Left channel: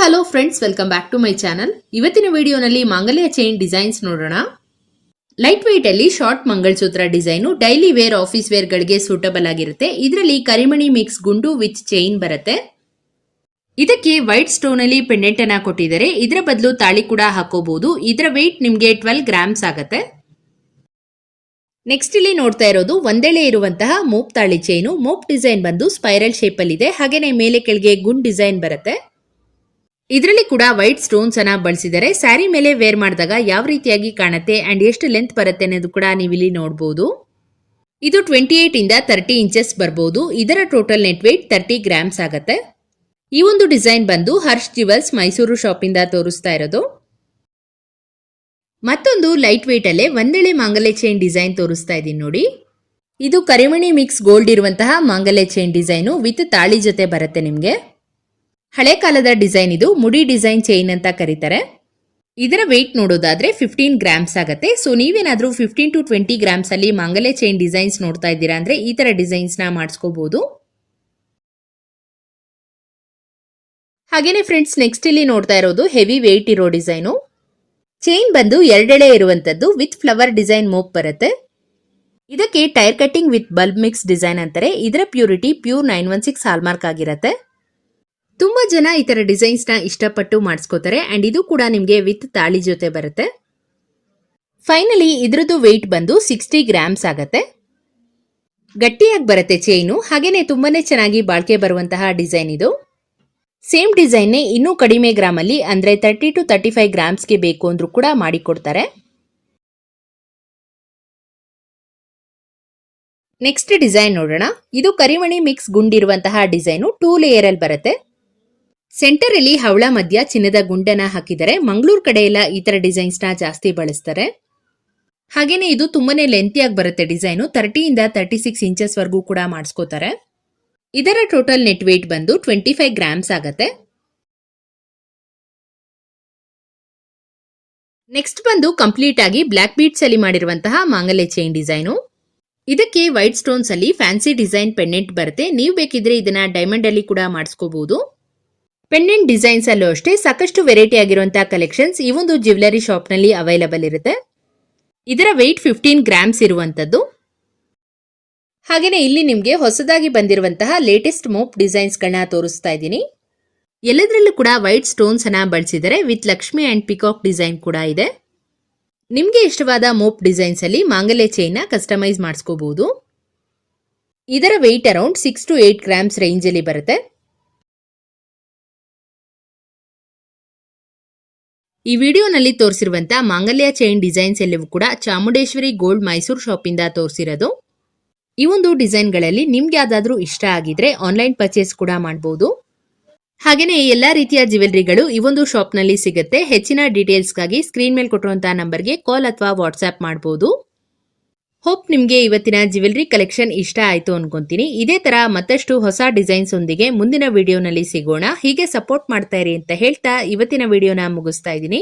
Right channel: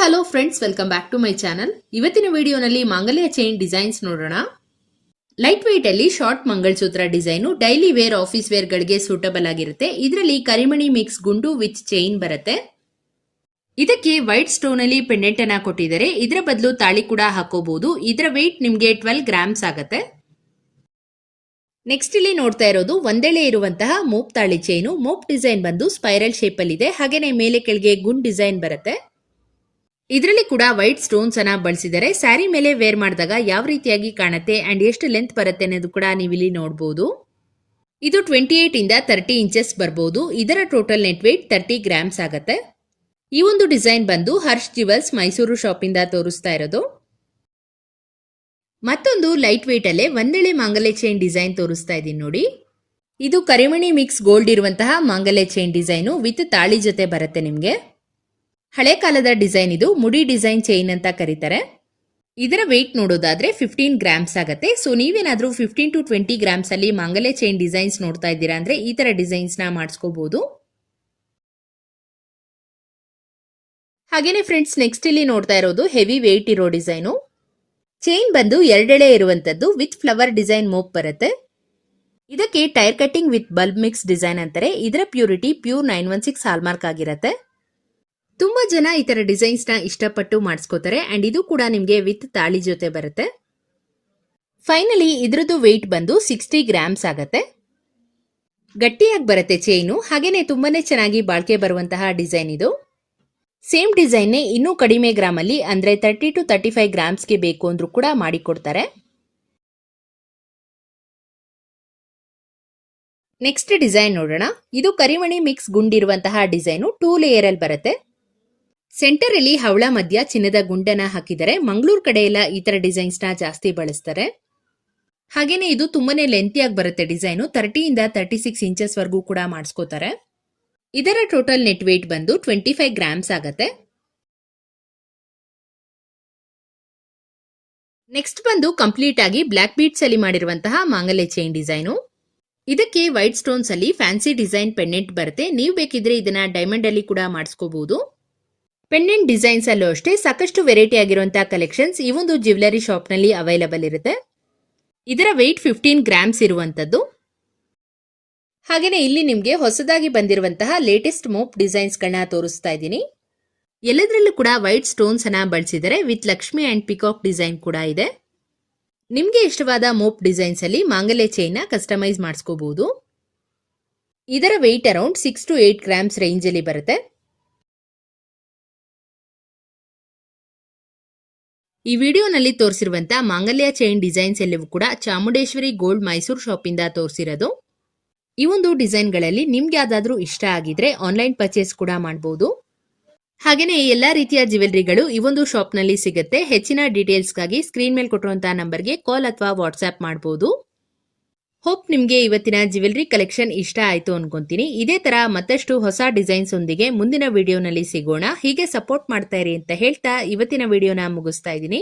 Hello friends welcome back to my channel ಇವತ್ತಿನ ವಿಡಿಯೋನಲ್ಲಿ ಮಾಂಗಲ್ಯ ಚೈನ್ ಡಿಸೈನ್ಸ್ ನೋಡೋಣ. ಲೈಟ್ ವೆಯ್ಟ್ ಅಲ್ಲಿ short mangalsutra design daily wear office wear ಗಳಿಗೆ ಸೂಟಬಲ್ ಆಗಿರುತ್ತೆ. ಇದರಲ್ಲಿ ಕರಿಮಣಿ ಮಿಕ್ಸ್ ಗುಂಡು ವಿತ್ ಚೈನ್ ಬರುತ್ತೆ. ಇದಕ್ಕೆ ವೈಟ್ ಸ್ಟೋನ್ ಅಲ್ಲಿ ಪೆಂಡೆಂಟ್ ಅನ್ನ ಕೊಟ್ಟಿದ್ದಾರೆ. ಇದರ ಬದಲು ತಾಳಿ ಕೂಡ ಹಾಕೋಬಹುದು ಇದರ ವೆಯ್ಟ್ ನಿಮ್ಗೆ ಟ್ವೆಲ್ ಗ್ರಾಮ್ಸ್ ಆಗುತ್ತೆ. ನೆಕ್ಸ್ಟ್ ಇಲ್ಲಿ ನೋಡ್ತಾ ಇರೋದು, ಒಂದೆಳೆ ಇರುವಂತಹ ಮೋಪ್ ತಾಳಿ ಚೈನು ಮೋಪ್ ಡಿಸೈನ್ ಬಂದು ಸ್ಪೈರಲ್ ಶೇಪ್ ಅಲ್ಲಿ ಇದೆ. ಹಾಗೇನೆ ಮೇಲೆ ಕೆಳಗೆ ಗುಂಡ್ ಡಿಸೈನ್ ಬರುತ್ತೆ. ಇದರಲ್ಲಿ ಕೂಡ ವೈಟ್ ಸ್ಟೋನ್ಸ್ ಅನ್ನ ಬಳಸಿದರೆ ಸ್ಯಾರಿ ಮೇಲೆ ವೇರ್ ಮಾಡಿದಾಗ ಯಾವ ರೀತಿಯಾಗಿ ಕಾಣುತ್ತೆ ಅಂಡ್ ಎಷ್ಟು ಲೆಂತ್ ಬರುತ್ತೆ ಅನ್ನೋದು ಕೂಡ ನೀವು ಇಲ್ಲಿ ನೋಡಬಹುದು ಇದು ಟ್ವೆಂಟಿ ಏಟ್ ಇಂದ ತರ್ಟಿ ಇಂಚಸ್ ಬರಬಹುದು ಇದರ total net weight thirty grams ಆಗುತ್ತೆ. ಈ ಒಂದು ಡಿಸೈನ್ ಬಂದು ಹರ್ಷ್ ಜಿವಲ್ಸ್ ಮೈಸೂರು ಶಾಪ್ ಇಂದ ತೋರಿಸ್ತಾ ಇರೋದು. ಮತ್ತೊಂದು ಲೈಟ್ ವೇಟ್ ಅಲ್ಲೇ ಒಂದೆಳೆ ಮಾಂಗಲ್ಯ ಚೈನ್ ಡಿಸೈನ್ ತೋರಿಸ್ತಾ ಇದ್ದೀನಿ ನೋಡಿ. ಇದು ಕರಿಮಣಿ ಮಿಕ್ಸ್ ಗೋಲ್ಡ್ ಇರುವಂತಹ ಮಾಂಗಲ್ಯ ಚೈನ್ ಡಿಸೈನು ವಿತ್ ತಾಳಿ ಜೊತೆ ಬರುತ್ತೆ ನಿಮಗೆ. ಹಳೆ ಕಾಲದ ಡಿಸೈನ್ ಇದು. ಮುಡಿ ಡಿಸೈನ್ ಚೈನ್ ಅಂತ ಕರೀತಾರೆ. ಇದರ ವೆಯ್ಟ್ ನೋಡೋದಾದ್ರೆ ಫಿಫ್ಟೀನ್ ಗ್ರಾಮ್ಸ್ ಆಗುತ್ತೆ. ಸೊ ನೀವೇನಾದರೂ ಫಿಫ್ಟೀನ್ ಟು ಟ್ವೆಂಟಿ ಗ್ರಾಮ್ಸ್ ಅಲ್ಲಿ ಮಾಂಗಲ್ಯ ಚೈನ್ ಡಿಸೈನ್ಸ್ ನೋಡ್ತಾ ಇದ್ದೀರಾ ಅಂದ್ರೆ ಈ ತರ ಡಿಸೈನ್ಸ್ನ ಮಾಡಿಸ್ಕೋಬಹುದು ಹಾಗೇನೆ ಫ್ರೆಂಡ್ಸ್ ನೆಕ್ಸ್ಟ್ ಇಲ್ಲಿ ನೋಡ್ತಾ ಇರೋದು ಹೆವಿ ವೆಯ್ಟ್ ಇರೋ ಡಿಸೈನು ಚೈನ್ ಬಂದು ಎರಡೆಳೆ ಇರುವಂತದ್ದು ವಿತ್ ಫ್ಲವರ್ ಡಿಸೈನ್ ಮೋಪ್ ಬರುತ್ತೆ. ಇದಕ್ಕೆ tyre cutting with bulb mix design ಅಂತಾರೆ. ಇದರ purity pure nine one six hallmark ಆಗಿರುತ್ತೆ. ತುಂಬಾ ಜನ ಈ ತರ ಡಿಸೈನ್ಸ್ನ ಇಷ್ಟಪಟ್ಟು ಮಾಡಿಸ್ಕೋತಾರೆ ಅಂಡ್ ಇದು ಕೂಡ ನಿಮ್ಗೆ ವಿತ್ ತಾಳಿ ಜೊತೆ ಬರುತ್ತೆ. ಫೈನಲಿ ಇದ್ರದ್ದು ವೆಯ್ಟ್ ಬಂದು ಸಿಕ್ಸ್ಟಿ ಗ್ರಾಮ್ಸ್ ಆಗತ್ತೆ. ಗಟ್ಟಿಯಾಗಿ ಬರುತ್ತೆ ಚೈನು ಹಾಗೇನೆ ತುಂಬಾನೇ ಚೆನ್ನಾಗಿ ಬಾಳ್ಕೆ ಬರುವಂತಹ ಡಿಸೈನ್ ಇದು. ಸೇಮ್ ಡಿಸೈನ್ ಇನ್ನೂ ಕಡಿಮೆ ಗ್ರಾಮ್ ಅಲ್ಲಿ, ಅಂದ್ರೆ ತರ್ಟಿ ಟು ತರ್ಟಿ ಫೈವ್ ಗ್ರಾಮ್ಸ್ಗೆ ಬೇಕು ಅಂದ್ರೂ ಕೂಡ ಮಾಡಿಕೊಡ್ತಾರೆ. ನೆಕ್ಸ್ಟ್ ಡಿಸೈನ್ ನೋಡೋಣ. ಇದು ಕರಿಮಣಿ ಮಿಕ್ಸ್ ಗುಂಡಿರುವಂತಹ ಡಿಸೈನು ಟೂ ಲೇಯರ್ ಅಲ್ಲಿ ಬರುತ್ತೆ. ಸೆಂಟರ್ ಅಲ್ಲಿ ಹವಳ ಮಧ್ಯ ಚಿನ್ನದ ಗುಂಡನ ಹಾಕಿದರೆ ಮಂಗಳೂರು ಕಡೆ ಎಲ್ಲ ಈ ತರ ಡಿಸೈನ್ಸ್ ಜಾಸ್ತಿ ಬಳಸ್ತಾರೆ. ಹಾಗೇನೆ ಇದು ತುಂಬಾನೇ ಲೆಂತಿಯಾಗಿ ಬರುತ್ತೆ ಡಿಸೈನು. ತರ್ಟಿಯಿಂದ ತರ್ಟಿ ಸಿಕ್ಸ್ ಇಂಚಸ್ ವರೆಗೂ ಕೂಡ ಮಾಡಿಸ್ಕೋತಾರೆ. ಇದರ ಟೋಟಲ್ ನೆಟ್ ವೇಟ್ ಬಂದು ಟ್ವೆಂಟಿ ಫೈವ್ ಗ್ರಾಮ್ಸ್ ಆಗತ್ತೆ. ನೆಕ್ಸ್ಟ್ ಬಂದು ಕಂಪ್ಲೀಟ್ ಆಗಿ ಬ್ಲಾಕ್ ಬೀಟ್ಸ್ ಅಲ್ಲಿ ಮಾಡಿರುವಂತಹ ಮಾಂಗಲ್ಯ ಚೈನ್ ಡಿಸೈನು. ಇದಕ್ಕೆ ವೈಟ್ ಸ್ಟೋನ್ಸ್ ಅಲ್ಲಿ ಫ್ಯಾನ್ಸಿ ಡಿಸೈನ್ ಪೆಂಡೆಂಟ್ ಬರುತ್ತೆ. ನೀವು ಬೇಕಿದ್ರೆ ಇದನ್ನ ಡೈಮಂಡ್ ಅಲ್ಲಿ ಕೂಡ ಮಾಡಿಸ್ಕೋಬಹುದು ಪೆಂಡೆಂಟ್ ಡಿಸೈನ್ಸ್ ಅಲ್ಲೂ ಅಷ್ಟೇ ಸಾಕಷ್ಟು ವೆರೈಟಿ ಆಗಿರುವಂತಹ ಕಲೆಕ್ಷನ್ಸ್ ಈ ಒಂದು ಜ್ಯುವೆಲರಿ ಶಾಪ್ನಲ್ಲಿ ಅವೈಲಬಲ್ ಇರುತ್ತೆ. ಇದರ ವೆಯ್ಟ್ ಫಿಫ್ಟೀನ್ ಗ್ರಾಮ್ಸ್ ಇರುವಂತದ್ದು. ಹಾಗೆಯೇ ಇಲ್ಲಿ ನಿಮಗೆ ಹೊಸದಾಗಿ ಬಂದಿರುವಂತಹ ಲೇಟೆಸ್ಟ್ ಮೋಪ್ ಡಿಸೈನ್ಸ್ ಗಳನ್ನ ತೋರಿಸ್ತಾ ಇದ್ದೀನಿ. ಎಲ್ಲದರಲ್ಲೂ ಕೂಡ ವೈಟ್ ಸ್ಟೋನ್ಸ್ ಅನ್ನ ಬಳಸಿದರೆ with Lakshmi and peacock design ಕೂಡ ಇದೆ. ನಿಮ್ಗೆ ಇಷ್ಟವಾದ ಮೋಪ್ ಡಿಸೈನ್ಸ್ ಅಲ್ಲಿ ಮಾಂಗಲ್ಯ ಚೈನ್ ಕಸ್ಟಮೈಸ್ ಮಾಡಿಸ್ಕೋಬಹುದು ಇದರ weight around six to eight grams range ಅಲ್ಲಿ ಬರುತ್ತೆ. ಈ ವಿಡಿಯೋನಲ್ಲಿ ತೋರಿಸಿರುವಂತ ಮಾಂಗಲ್ಯ ಚೈನ್ ಡಿಸೈನ್ಸ್ ಎಲ್ಲವೂ ಕೂಡ ಚಾಮುಂಡೇಶ್ವರಿ ಗೋಲ್ಡ್ ಮೈಸೂರು ಶಾಪ್ ಇಂದ ತೋರಿಸಿರೋದು. ಈ ಒಂದು ಡಿಸೈನ್ಗಳಲ್ಲಿ ನಿಮ್ಗೆ ಯಾವ್ದಾದ್ರೂ ಇಷ್ಟ ಆಗಿದ್ರೆ ಆನ್ಲೈನ್ ಪರ್ಚೇಸ್ ಕೂಡ ಮಾಡಬಹುದು ಹಾಗೇನೆ ಎಲ್ಲಾ ರೀತಿಯ ಜ್ಯುವೆಲ್ಲರಿಗಳು ಈ ಒಂದು ಶಾಪ್ನಲ್ಲಿ ಸಿಗುತ್ತೆ. ಹೆಚ್ಚಿನ ಡೀಟೇಲ್ಸ್ಗಾಗಿ ಸ್ಕ್ರೀನ್ ಮೇಲೆ ಕೊಟ್ಟಿರುವಂತಹ ನಂಬರ್ಗೆ ಕಾಲ್ ಅಥವಾ ವಾಟ್ಸ್ಆಪ್ ಮಾಡಬಹುದು ಹೋಪ್ ನಿಮಗೆ ಇವತ್ತಿನ ಜ್ಯುವೆಲ್ರಿ ಕಲೆಕ್ಷನ್ ಇಷ್ಟ ಆಯಿತು ಅನ್ಕೊಂತೀನಿ. ಇದೇ ತರ ಮತ್ತಷ್ಟು ಹೊಸ ಡಿಸೈನ್ಸ್ ಒಂದಿಗೆ ಮುಂದಿನ ವಿಡಿಯೋನಲ್ಲಿ ಸಿಗೋಣ. ಹೀಗೆ ಸಪೋರ್ಟ್ ಮಾಡ್ತಾ ಇರಿ ಅಂತ ಹೇಳ್ತಾ ಇವತ್ತಿನ ವಿಡಿಯೋನ ಮುಗಿಸ್ತಾ ಇದ್ದೀನಿ.